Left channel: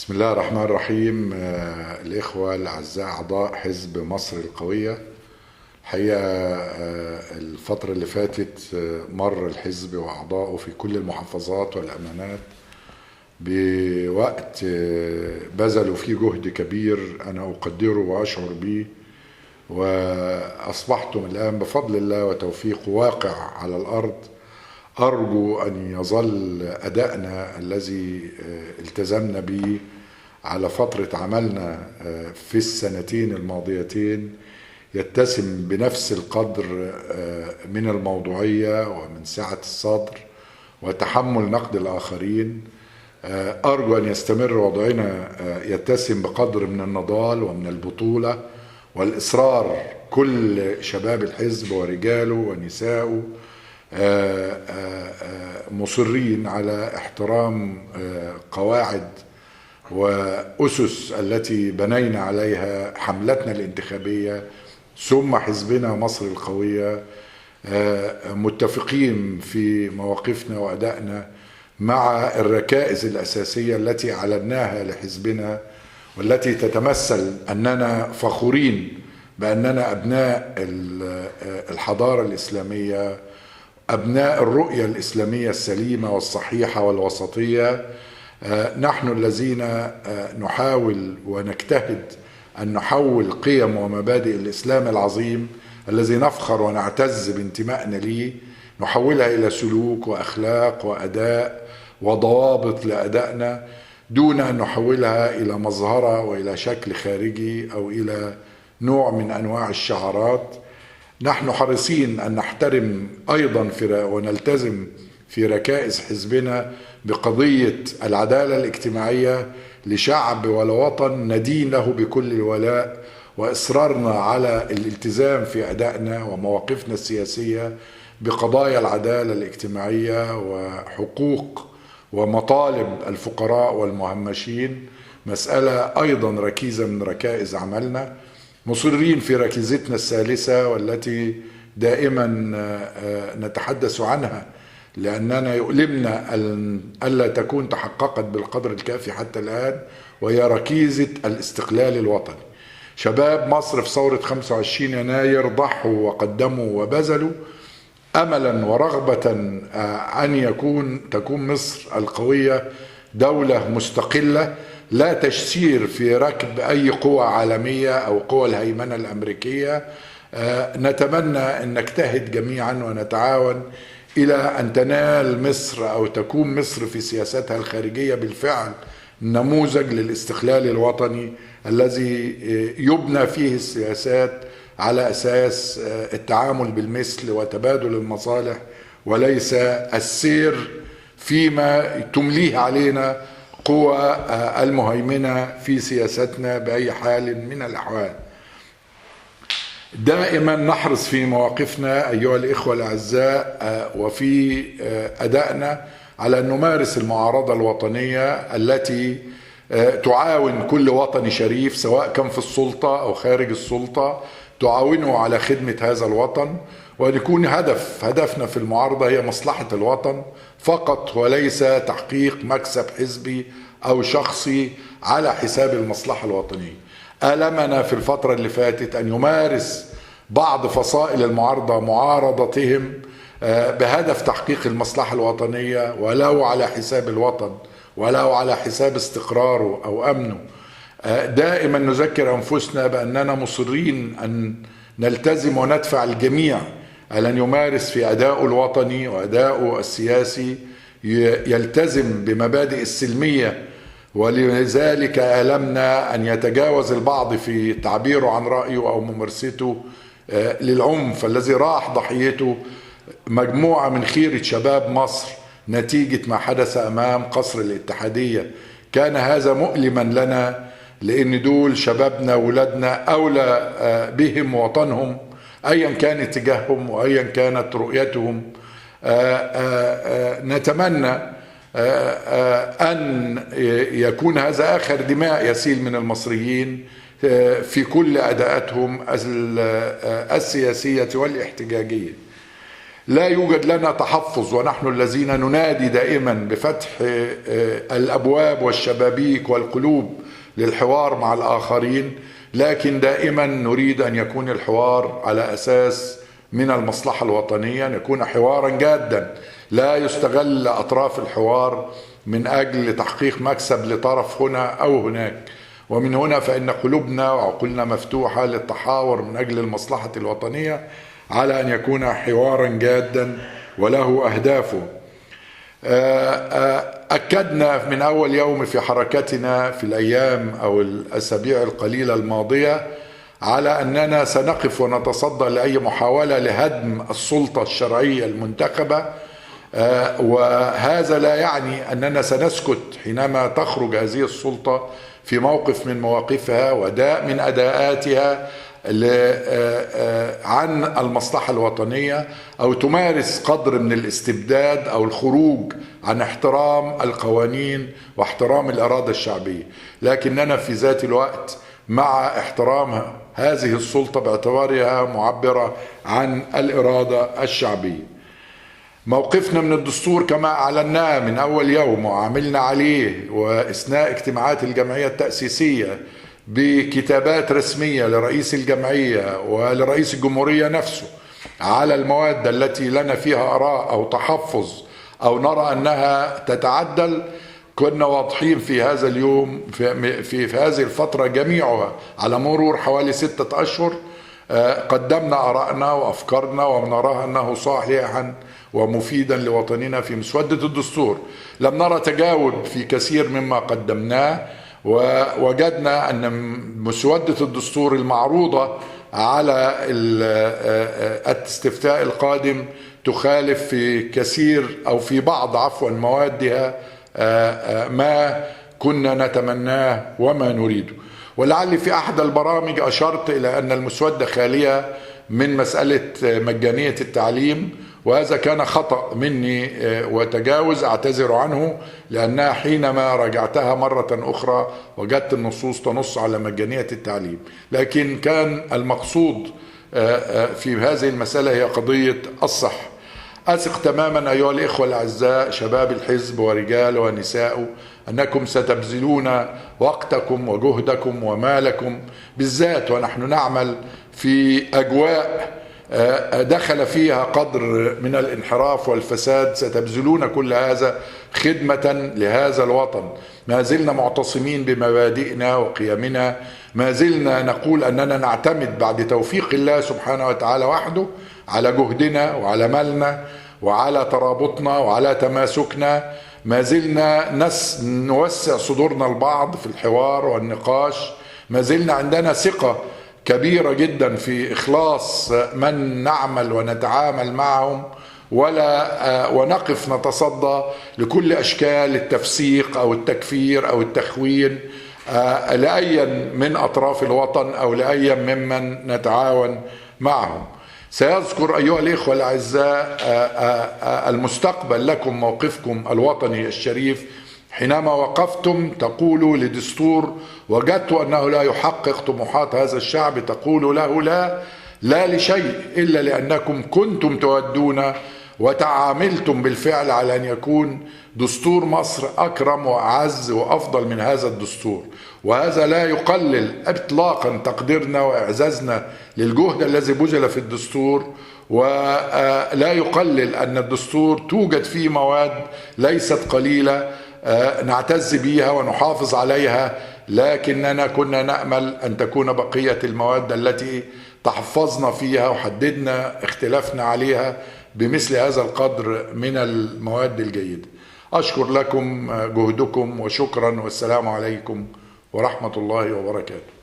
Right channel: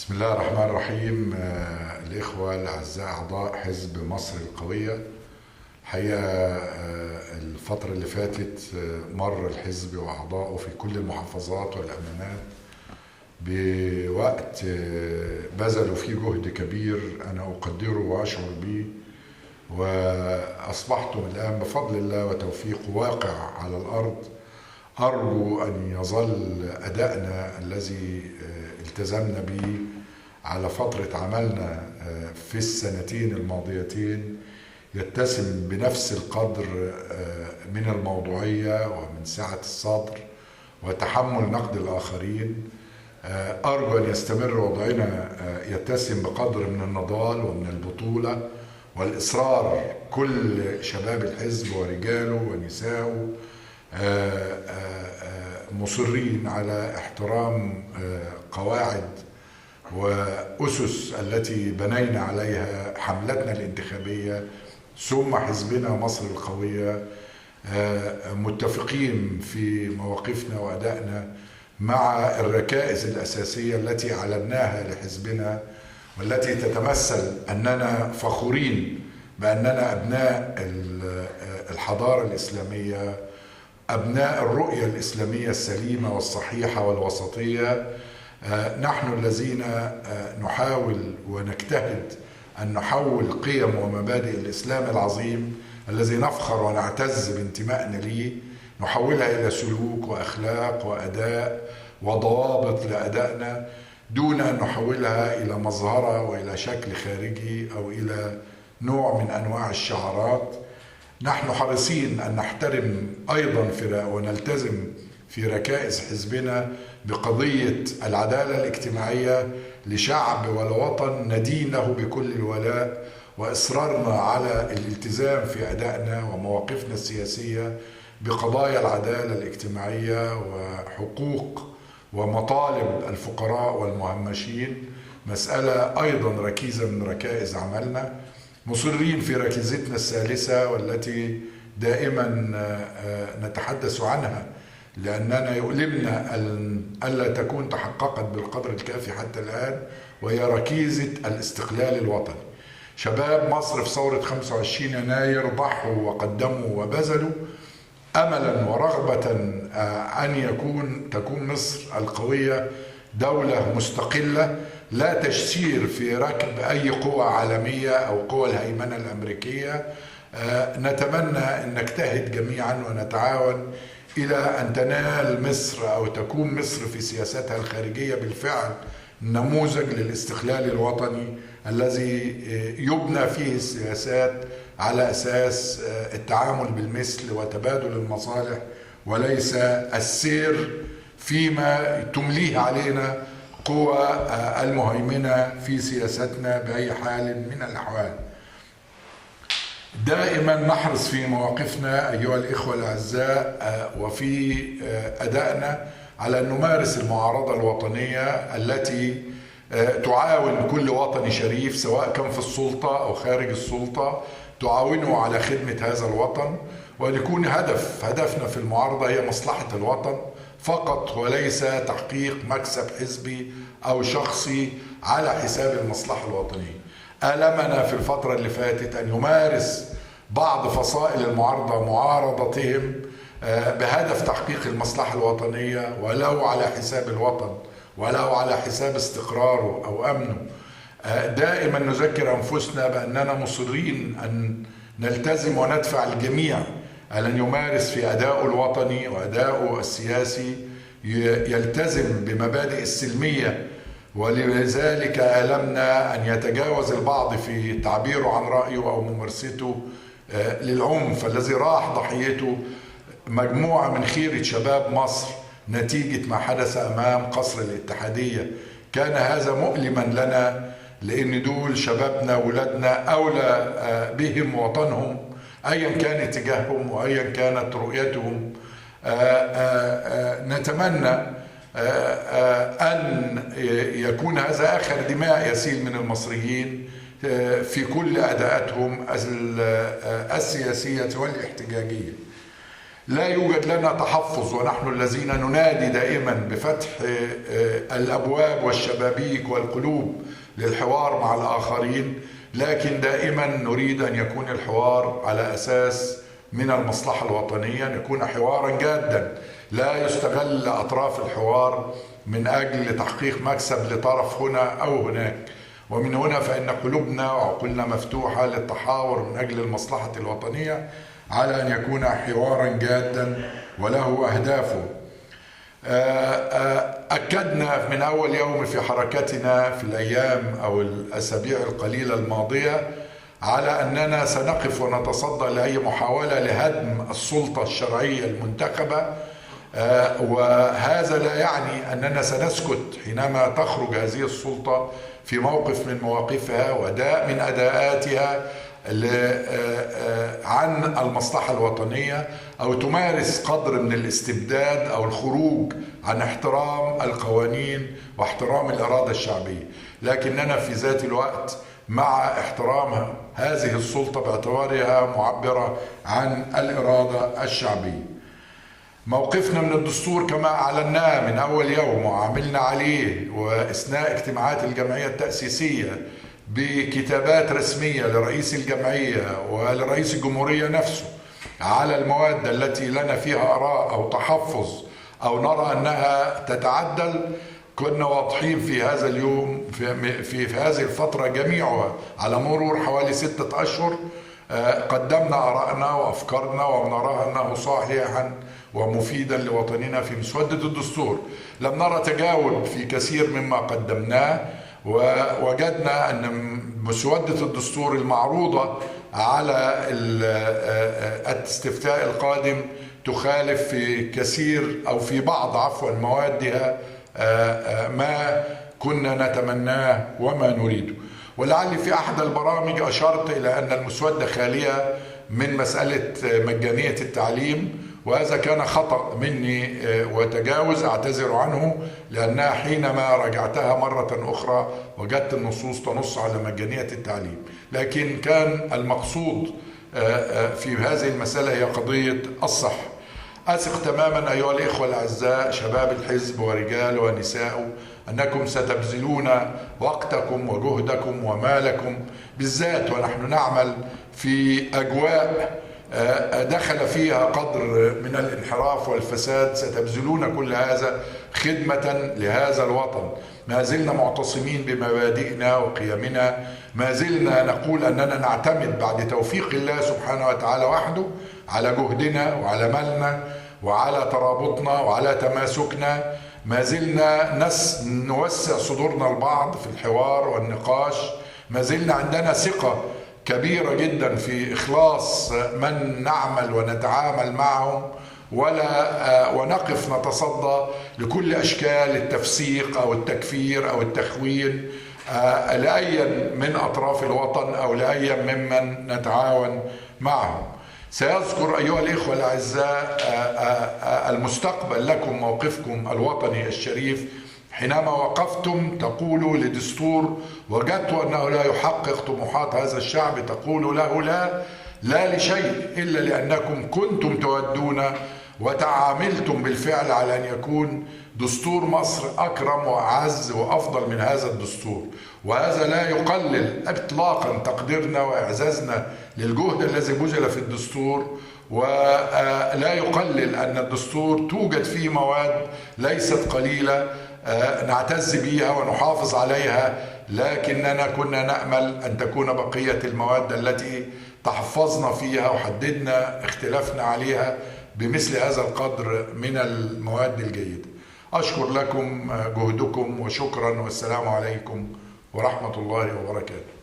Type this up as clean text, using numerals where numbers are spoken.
بسم الله الرحمن الرحيم. الإخوة الأعزاء أعضاء حزب مصر القوية، الحقيقة الفترة اللي فاتت مر الحزب وأعضائه في كل المحافظات والأمانات بوقت بذلوا فيه جهد كبير أنا أقدره وأشعر به، وأصبحتم الآن بفضل الله وتوفيقه واقع على الأرض. أرجو أن يظل أدائنا الذي التزمنا به على فترة عملنا في السنتين الماضيتين يتسم بنفس القدر من الموضوعية ومن سعة الصدر وتحمل نقد الآخرين. أرجو أن يستمر وضعنا يتسم بقدر من النضال ومن البطولة والإصرار، كل شباب الحزب ورجاله ونساءه مصرين على احترام قواعد وأسس التي بنينا عليها حملتنا الانتخابية ثم حزبنا مصر القوية، متفقين في مواقفنا وأدائنا مع الركائز الأساسية التي علمناها لحزبنا، والتي تتمثل أننا فخورين بأننا أبناء الحضارة الإسلامية، أبناء الرؤية الإسلامية السليمة والصحيحة والوسطية. نحن الذين نحاول ونجتهد أن نحول قيم ومبادئ الإسلام العظيم الذي نفخر ونعتز بانتمائنا ليه، نحولها إلى سلوك وأخلاق وأداء وضوابط لأدائنا، دون أن نحولها إلى مظهرة وإلى شكل خارجي أو إلى نوع من أنواع الشعارات. نحن حريصين أن نحترم أيضا ونلتزم في ركائز حزبنا بقضية العدالة الاجتماعية لشعب ولوطن ندين له بكل الولاء، وإصرارنا على الالتزام في أدائنا ومواقفنا السياسية بقضايا العدالة الاجتماعية وحقوق ومطالب الفقراء والمهمشين، مسألة أيضا ركيزة من ركائز عملنا. مصرين في ركيزتنا الثالثة والتي دائما نتحدث عنها لأننا يؤلمنا ألا تكون تحققت بالقدر الكافي حتى الآن، وهي ركيزة الاستقلال الوطني. شباب مصر في ثورة 25 يناير ضحوا وقدموا وبذلوا أملا ورغبة أن تكون مصر القوية دولة مستقلة لا تسير في ركب أي قوى عالمية أو قوى الهيمنة الأمريكية. نتمنى أن نجتهد جميعا ونتعاون إلى أن تنال مصر أو تكون مصر في سياستها الخارجية بالفعل نموذج للاستقلال الوطني الذي يبنى فيه السياسات على أساس التعامل بالمثل وتبادل المصالح، وليس السير فيما تمليه علينا قوى المهيمنة في سياستنا بأي حال من الأحوال. دائما نحرص في مواقفنا أيها الإخوة الأعزاء وفي أدائنا على أن نمارس المعارضة الوطنية التي تعاون كل وطني شريف سواء كان في السلطة أو خارج السلطة، تعاونه على خدمة هذا الوطن، ويكون هدفنا في المعارضة هي مصلحة الوطن فقط، وليس تحقيق مكسب حزبي أو شخصي على حساب المصلحة الوطنية. ألمنا في الفترة اللي فاتت أن يمارس بعض فصائل المعارضة معارضتهم بهدف تحقيق المصلحة الوطنية ولو على حساب الوطن ولو على حساب استقراره أو أمنه. دائما نذكر أنفسنا بأننا مصرين أن نلتزم وندفع الجميع على أن يمارس في أدائه الوطني وأدائه السياسي يلتزم بمبادئ السلمية، ولذلك ألمنا أن يتجاوز البعض في تعبيره عن رأيه أو ممارسته للعنف الذي راح ضحيته مجموعة من خيرة شباب مصر نتيجة ما حدث أمام قصر الاتحادية. كان هذا مؤلما لنا لأن دول شبابنا ولادنا أولى بهم وطنهم أيا كان اتجاههم وأيا كانت رؤيتهم. نتمنى أن يكون هذا آخر دماء يسيل من المصريين في كل أداءاتهم السياسية والاحتجاجية. لا يوجد لنا تحفظ، ونحن الذين ننادي دائما بفتح الأبواب والشبابيك والقلوب للحوار مع الآخرين، لكن دائما نريد أن يكون الحوار على أساس من المصلحة الوطنية، أن يكون حوارا جادا لا يستغل أطراف الحوار من أجل تحقيق مكسب لطرف هنا أو هناك. ومن هنا فإن قلوبنا وعقولنا مفتوحة للتحاور من أجل المصلحة الوطنية على أن يكون حوارا جادا وله أهدافه. أكدنا من أول يوم في حركتنا في الأيام أو الأسابيع القليلة الماضية على أننا سنقف ونتصدى لأي محاولة لهدم السلطة الشرعية المنتخبة، وهذا لا يعني أننا سنسكت حينما تخرج هذه السلطة في موقف من مواقفها وأداء من أداءاتها عن المصلحة الوطنية، أو تمارس قدر من الاستبداد أو الخروج عن احترام القوانين واحترام الإرادة الشعبية. لكننا في ذات الوقت مع احترام هذه السلطة باعتبارها معبرة عن الإرادة الشعبية. موقفنا من الدستور كما أعلناه من أول يوم وعملنا عليه، وإثناء اجتماعات الجمعية التأسيسية بكتابات رسمية لرئيس الجمعية ولرئيس الجمهورية نفسه على المواد التي لنا فيها آراء أو تحفظ أو نرى أنها تتعدل، كنا واضحين في هذا اليوم في هذه الفترة جميعها على مرور حوالي 6 أشهر. قدمنا آراءنا وأفكارنا ونراها أنه صحيحا ومفيدا لوطننا في مسودة الدستور. لم نرى تجاوب في كثير مما قدمناه، ووجدنا أن مسودة الدستور المعروضة على الاستفتاء القادم تخالف في كثير أو في بعض موادها ما كنا نتمناه وما نريده. ولعلي في أحد البرامج أشرت إلى أن المسودة خالية من مسألة مجانية التعليم، وهذا كان خطأ مني وتجاوز أعتذر عنه، لأنها حينما راجعتها مرة أخرى وجدت النصوص تنص على مجانية التعليم، لكن كان المقصود في هذه المسألة هي قضية الصحة. أثق تماما أيها الإخوة الأعزاء شباب الحزب ورجال ونساء أنكم ستبذلون وقتكم وجهدكم ومالكم، بالذات ونحن نعمل في أجواء دخل فيها قدر من الانحراف والفساد، ستبذلون كل هذا خدمة لهذا الوطن. ما زلنا معتصمين بمبادئنا وقيمنا، ما زلنا نقول أننا نعتمد بعد توفيق الله سبحانه وتعالى وحده على جهدنا وعلى مالنا وعلى ترابطنا وعلى تماسكنا. ما زلنا نوسع صدورنا البعض في الحوار والنقاش، ما زلنا عندنا ثقة كبيرة جدا في إخلاص من نعمل ونتعامل معهم، ونقف نتصدى لكل أشكال التفسيق أو التكفير أو التخوين لأي من أطراف الوطن أو لأي ممن نتعاون معهم. سيذكر أيها الإخوة الأعزاء المستقبل لكم موقفكم الوطني الشريف حينما وقفتم تقولوا لدستور وجدتوا أنه لا يحقق طموحات هذا الشعب، تقولوا له لا لشيء إلا لأنكم كنتم تودون وتعاملتم بالفعل على أن يكون دستور مصر أكرم وأعز وأفضل من هذا الدستور. وهذا لا يقلل إطلاقا تقديرنا وإعزازنا للجهد الذي بذل في الدستور، ولا يقلل أن الدستور توجد فيه مواد ليست قليلة نعتز بها ونحافظ عليها، لكننا كنا نأمل أن تكون بقية المواد التي تحفظنا فيها وحددنا اختلافنا عليها بمثل هذا القدر من المواد الجيدة. أشكر لكم جهدكم وشكرا، والسلام عليكم ورحمة الله وبركاته.